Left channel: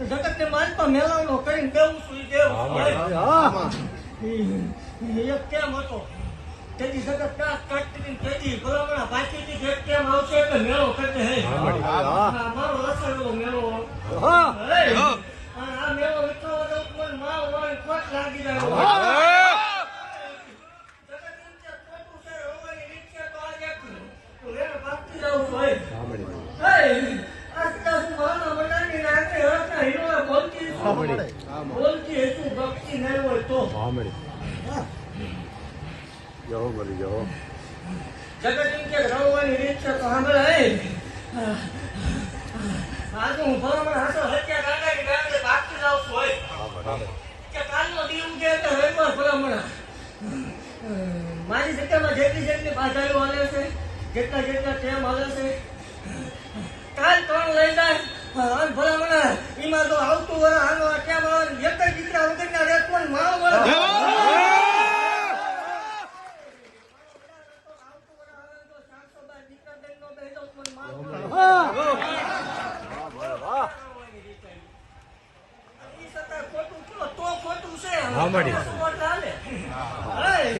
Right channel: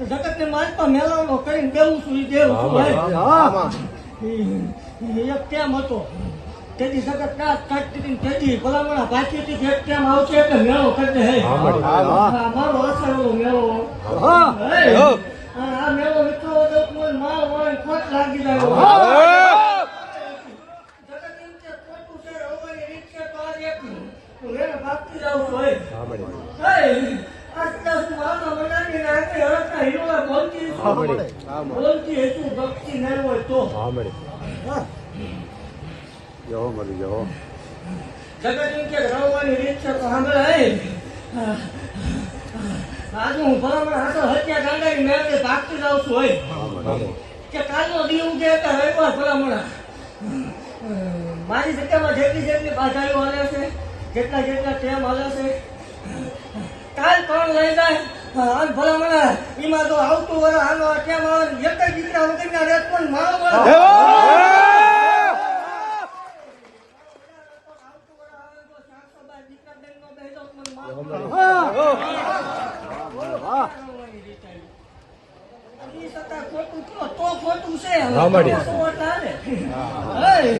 જગત ને માલપા મેલાવડો કરીને બેવું છું દેવું છું, એક કેમ હતો તેની જગત કાચ કાઢતી તેની ભલામણા પાછી હતી એક કેમ આવશે કે મેળો કરીને હે. મારો અસરેલો મેળો જો મળી જો. જગત કે રવાની રીત છે તો સાંભળે હે. આજે હું ભલામણ હાથો હત્યા ગાંડાની મેળવે ભાગતી જાઉં છું હોય મારી જગ્યામાં જેટલી જેટલી બાધાઈઓ હાલે છે, જેટલા જેટલા ટેમ હાલે છે. કાલ કોણ લઈ જાય ભલામણ એમાં તો આવતું વર આનો ટેમ આવે એક જ દીકરા વગરના રેત પણ મારો વર ખોટું કયો તો ખોટું છે હા, મળી. ખોટું એટલે હે.